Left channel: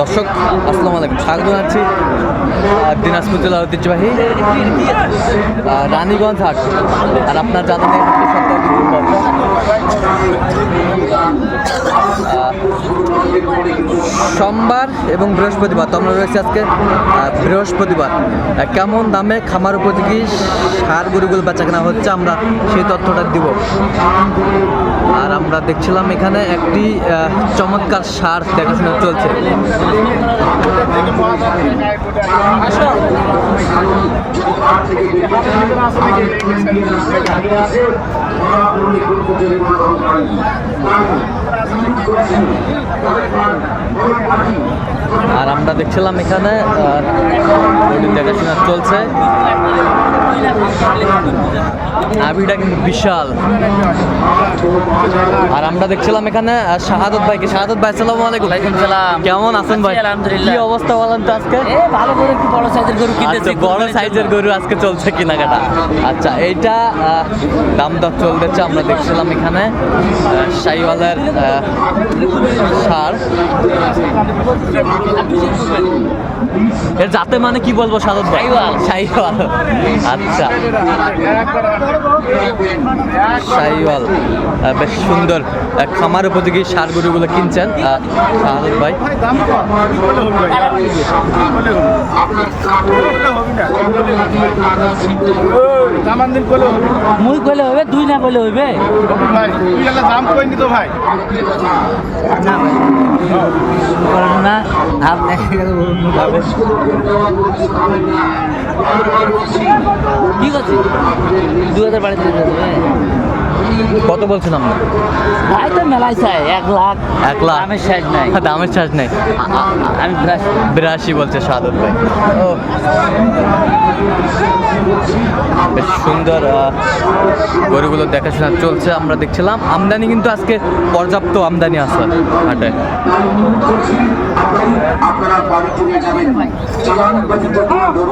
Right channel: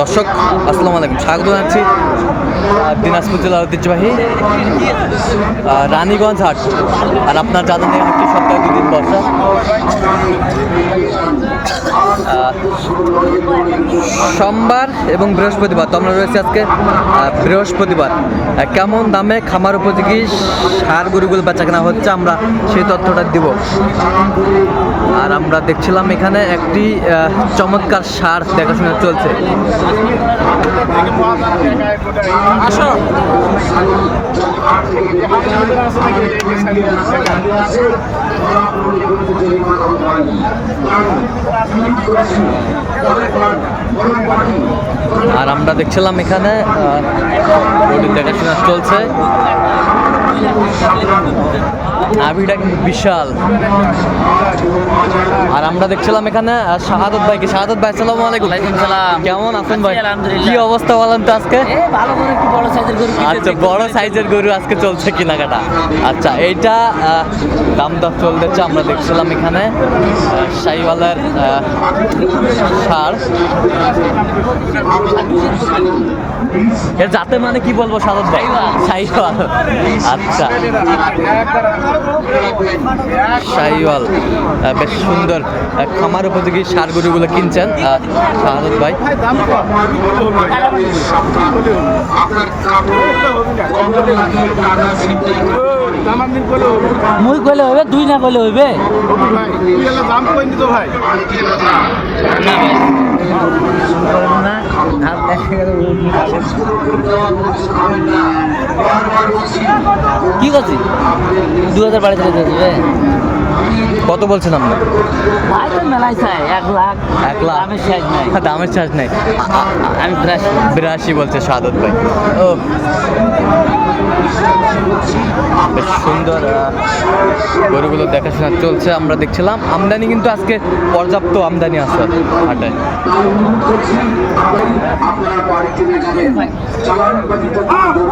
দর্শক আসসালামু আলাইকুম। স্বাগত জানাচ্ছি দিনাজপুর জেলার ঐতিহ্যবাহী রানীগঞ্জ হাট। আর আপনার জানা নেই হাটটি সপ্তাহে দুদিন আহ, সোমবার এবং বৃহস্পতিবার। তো আমরা রয়েছি আজকে বৃহস্পতিবার। কেমন দামে খামার উপযোগী সার গরুগুলো বেচা কেনা হচ্ছে আমরা সেই তথ্যটা দিব। আর আমরা দেখছিলাম এখানে একটি চমৎকার সার দেখাশোনা চলছে। আর আমরা দেখছিলাম এখানে দেখাশোনা চলছে। নাভিটা কিন্তু বিশাল। আর আমরা দেখছিলাম এখানে শাহাদত ভাইকে। শাহাদত ভাই আসসালামু আলাইকুম। ওয়ালাইকুম সালাম। কেমন আছেন ভাই? কি অবস্থা বলেন তো আজকে? ভালো করে একটু বড় সাইজের গরু আচ্ছা বড় সাইজের গরু আজকে চলছে কেনাকাটা। আচ্ছা এইটা দাম দর চলতেছে আমরা দেখছিলাম এখানে আহ, শাহিওয়ালের সার। এর জাতে মানে কি বলব সাদত ভাই? শাহিওয়াল। আচ্ছা। শাহিওয়াল বেশ সুন্দর খামার উপযোগী সার গরুগুলো কিনছেন শাহাদত ভাই। মুই কইলে হইবে দুই না কইলে হইবে? না দাম দেখে গেলে কি করছি দু হাজার বাড়িতে দেবে কত বলছেন আপনি? ভাই তো মেলাই চাই এক লাখ। এক লাখ? দামের সাজ নাই। হ্যাঁ, দামের সাজ নেই। আমি বিরাশি। বিরাশি বলছে সাদত ভাই। ও। বেশ সুন্দর গরুগুলো দেখাশোনা চলছে আমরা দেখছিলাম। আমদানি কিন্তু আজকে পর্যাপ্ত আমদানি আছে হাটে।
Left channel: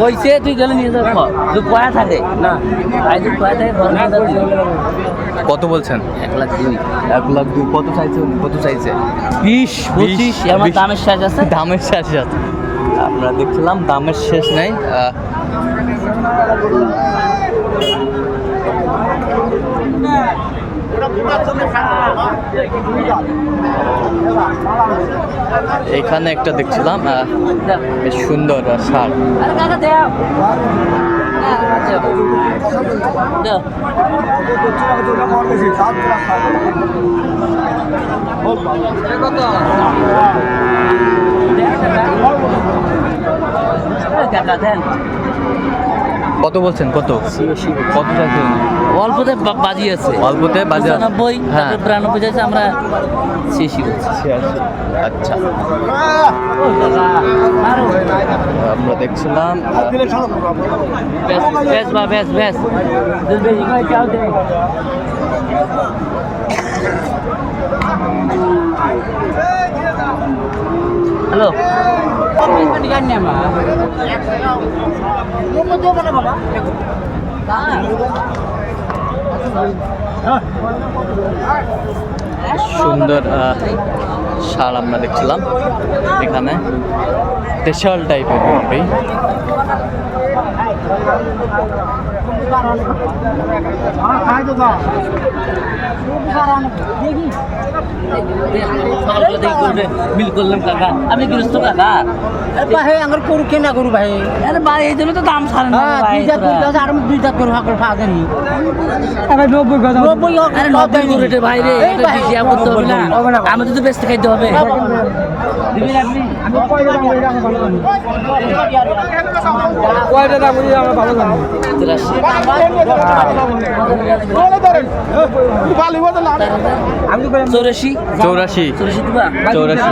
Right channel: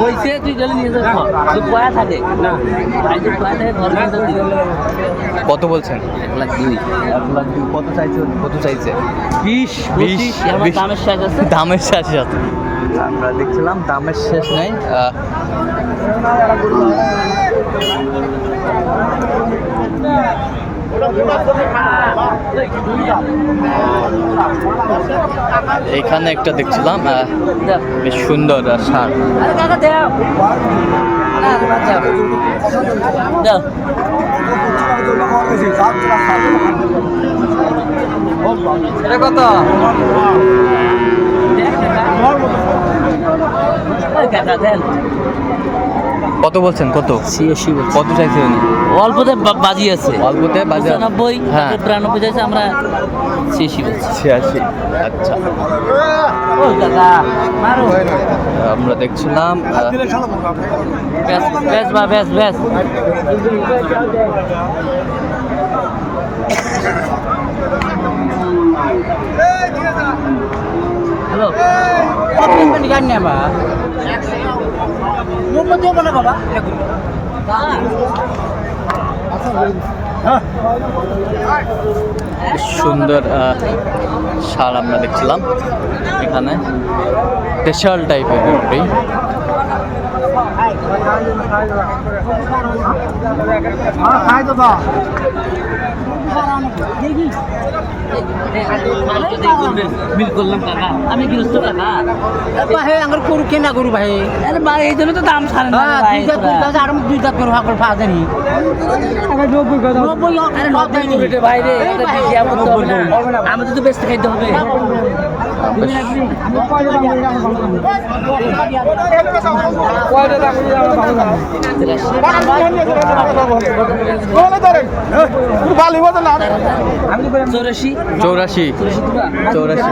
কইছে তুই গেলে নিয়ে যাব। তুই পয়া থাকে। না। থাকে। কত বলছেন? এক লাখ দুই। এক লাখ দু কত চাইছে? কত চাইছে? বিশ বিশ দামের সাইজ আছে। দামের শেষ আছে। আমরা দেখছিলাম দামের শেষ নেই। আহ, এইখানে একটা দেখছিলাম বেশ সুন্দর সার। কত কত বলছেন? কত? ছিয়াশি কত চাইছেন অল্পতে বাজি আছে। অল্পতে বাজার নব্বই হ্যাঁ। বিরানব্বই চাইছে আমরা ছিয়াশি বলছি। ছিয়াশি। আচ্ছা। আমরা দেখছিলাম ব্যাস বা ব্যাস ব্যাস। হ্যালো। সুন্দর শাল আমরা দেখছিলাম এখানে। স্পেশাল টাইপের গরুটি মিল করলাম কাকা। আমি গৃহস্থ কাকা। ভাই আমার গরু কেনা গরু ভাই। আরে ভাই এই জন্য তো দাম ছাড়ে না হ্যাঁ দুই জাত আছে আর আমি দুই জাত গরু হাকর পাওয়া জানি নব্বই আরে নব্বই করে রে ভাই রে আমার তো হবে না। আমাদের তো বেচতে খাইতে হবে। চৌরাশি। চৌরাশি।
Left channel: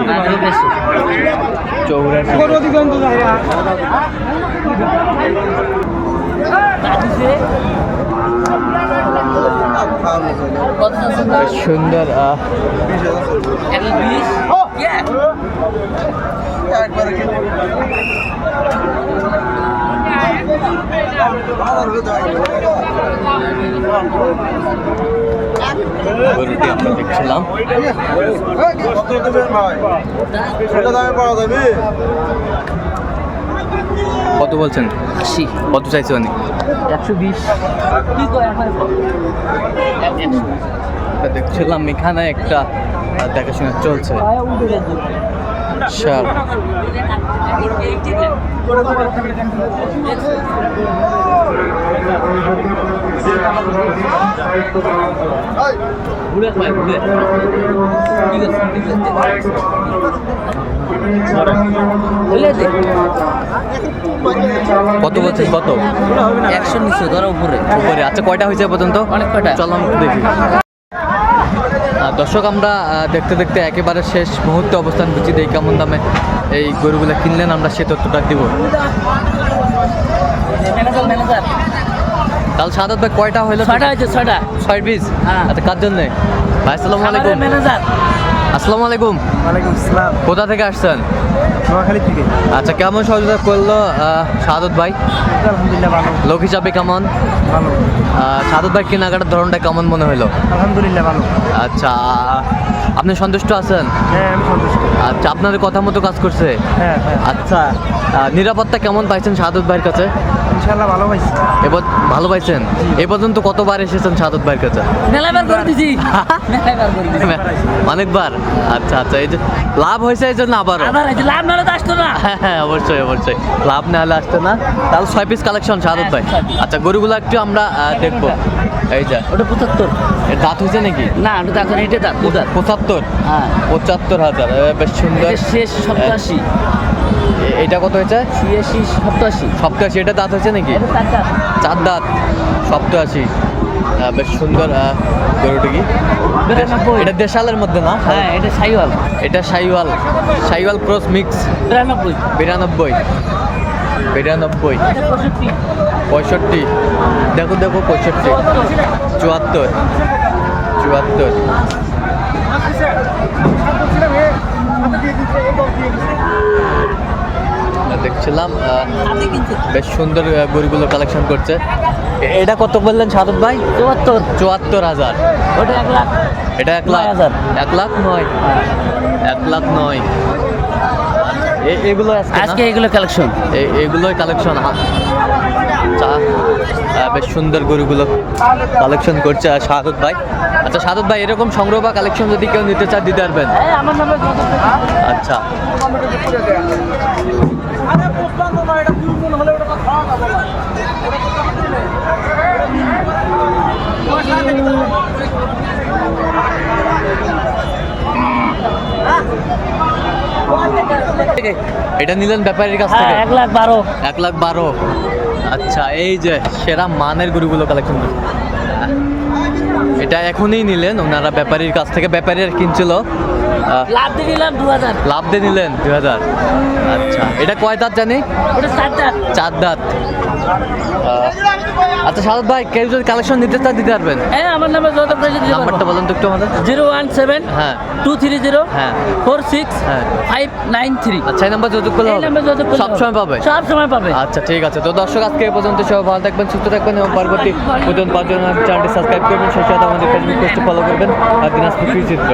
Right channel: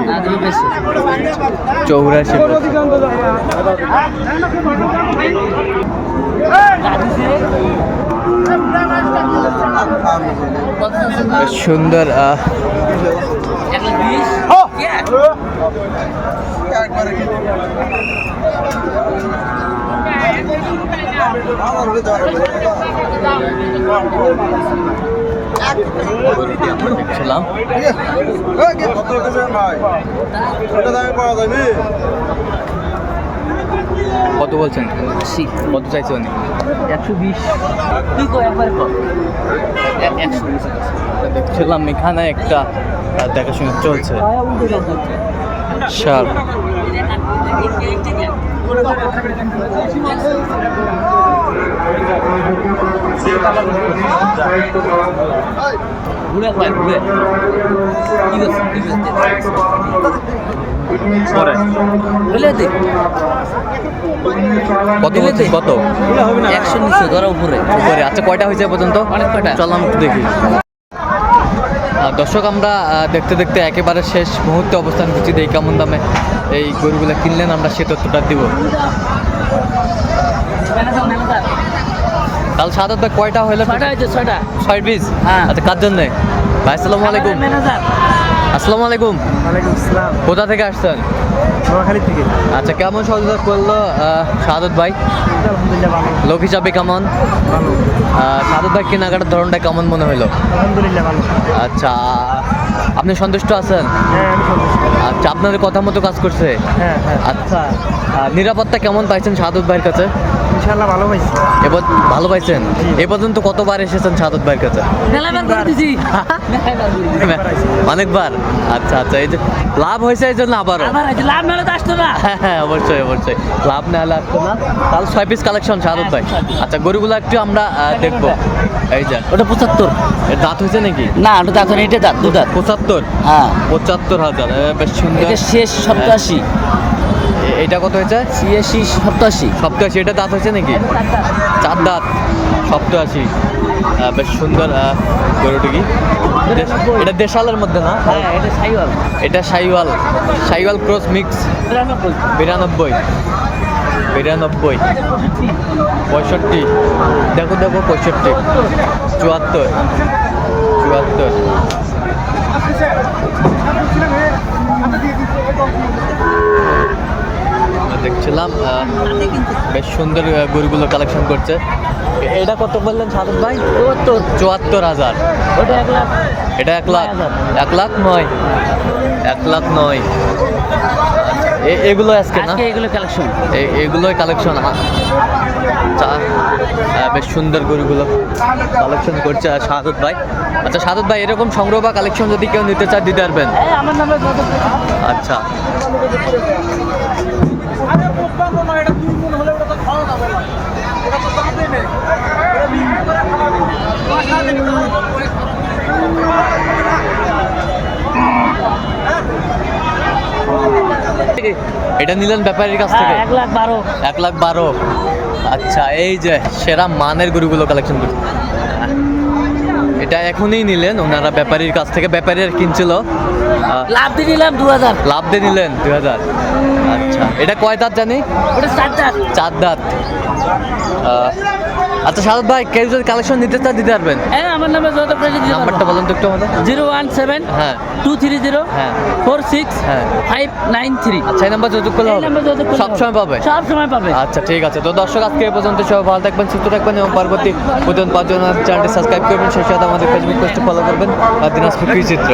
চৌরাশি। সুন্দর? গরুটি আমরা দেখছিলাম। কত বলছেন? আশি। কত চাইছেন একশো বিশ। কি কয় একবারে কর। এক- একশো বিশ। দেখছিলাম এখানে একটা দেখাশোনা চলছে। সার কত বলছে কত? একশো নিচে ধরো উপরে। উপরে। আচ্ছা কয়টা হয়েছে পর্যন্ত? অনেক কয়টা? চলো আমি দেখি। দর্শক আমরা দেখতে দেখতে একেবারে শেষ মুহূর্তে অবস্থান করছি। এই কেমন দামে এই গরুগুলো কিনলেন আমরা সে তথ্যটা দিব। কাল সাদত ভাই কয়টা হইল ছয় পিস হ্যাঁ। আচ্ছা কার জন্যে? ভাই আসসালামু আলাইকুম। আসসালামু আলাইকুম। ওয়ালাইকুম আসসালাম। কোথা থেকে আসছেন? নোয়াখালী থেকে। আচ্ছা কেমন সহযোগিতা করল সাদত ভাই? আলহামদুলিল্লাহ ভালো। লোক হিসাবে কেমন? ভালো। সাদত ভাই কেনাকাটার ধরনটা কেমন মনে হলো? আলহামদুলিল্লাহ ভালো। আচ্ছা আপনি সন্তুষ্ট আছেন? হ্যাঁ আমি সন্তুষ্ট। আচ্ছা আপনাদের কথা মতো কাজ করছে? হ্যাঁ হ্যাঁ। আচ্ছা নিরাপত্তা কেমন পাইছেন সাদত ভাইয়ের কাছে? ইনশাল্লাহ ভালো পাইছি। এবার ভালো পাইছেন? এ পর্যন্ত কতবার এসেছেন সাদত ভাইয়ের কাছে? অনেকবার? আচ্ছা আচ্ছা এই যে লাভ হয়েছে এই জন্য আবারও। আবার লাভ নালে তো আসতো না। হ্যাঁ হ্যাঁ অবশ্যই অবশ্যই। লাভ না হলে আসতো না। তাহলে ছয় পিস কালেকশন সাদত ভাই। আচ্ছা গরুগুলো একটু আমরা দেখব। এই যে। ওটা পঁচাত্তর। এর দাঁত হয়েছে নাকি? না ওটা দেখো এটা দাঁত পঁচাত্তর? হ্যাঁ। পঁচাত্তর হাজার বেশ সুন্দর। শেষ সপ্তাশি এ- এটা কত হয়েছে? ছিয়াশি সপ্তাশি। সপ্তাশি। এটা দাঁত হয়েছে নাকি? দাঁত। চার দাঁত। সপ্তাশি। বেশ সুন্দর গরুটি কি? এটা দেশালের মধ্যে না? হ্যাঁ এটা সাইওয়াল। এটা সাইওয়াল। Cross mix. বিরানব্বই। বিরানব্বই। পঁয়ষট্টি। দেখো দেখো পঁয়ষট্টি। চুয়াত্তর। চুয়াত্তর। দেখছিলাম বেশ সুন্দর গরুগুলো কালেকশন করছে। এ- এটা কত বললেন সাদত ভাই? চুয়াত্তর চুয়াত্তর হাজার। এটা এক লাখ। এক লাখ নয়। এক লাখ নয়। এ- এগুলো আজকে এগুলো কালেকশন এ- এগুলোই কালেকশন চা বেশ সুন্দর গরুগুলো কালেকশন করছে আর সাদত ভাই। আচ্ছা সাদত ভাই এরকম সংগ্রহ বা কালেকশন যদি কেউ নিতে চায় দিতে পারবেন? আমার নামে আচ্ছা এটা নিলেন ব্যাপারীর কাছ থেকে? এক লাখ বারো। এক লাখ বারো। আচ্ছা এই যে সেরা মানের গরুগুলো কালেকশন করছে এটা এখনই নিলেন ওনারা ব্যাপারীর কাছ থেকে। ব্যাপারী আর কিনছিল। লাভ দিয়ে নিলাম দু হাজার। লাভ দিয়ে নিলেন দুই হাজার। আচ্ছা। এটা কয় দাঁত জানি? চার দাঁত। আচ্ছা সাদত ভাই কেউ যদি কালেকশন নিতে চায় দিতে পারবেন? হ্যাঁ আমার নামে যত নাম্বারটা বলুন তো একটু আমাদের। জিরো ওয়ান সেভেন হ্যাঁ। টু থ্রি জিরো হ্যাঁ। ফোর সিক্স হ্যাঁ। Five nine three. আচ্ছা এই নাম্বার যোগাযোগ করলে হবে? নাম্বার সব সময় পাবে? সব সময় পাবে। আচ্ছা ঠিক আছে। তো দর্শক আজকে এই পর্যন্ত সবাই ভালো থাকবেন সুস্থ থাকবেন এবং পরবর্তী প্রতিদিন পাঁচজন চ্যানেলটি সাবস্ক্রাইব করবেন। সেই সাথে আমাদের ফেসবুক পেজটি ফলো করবেন। আর দিনাজপুর কৃষি চিত্র।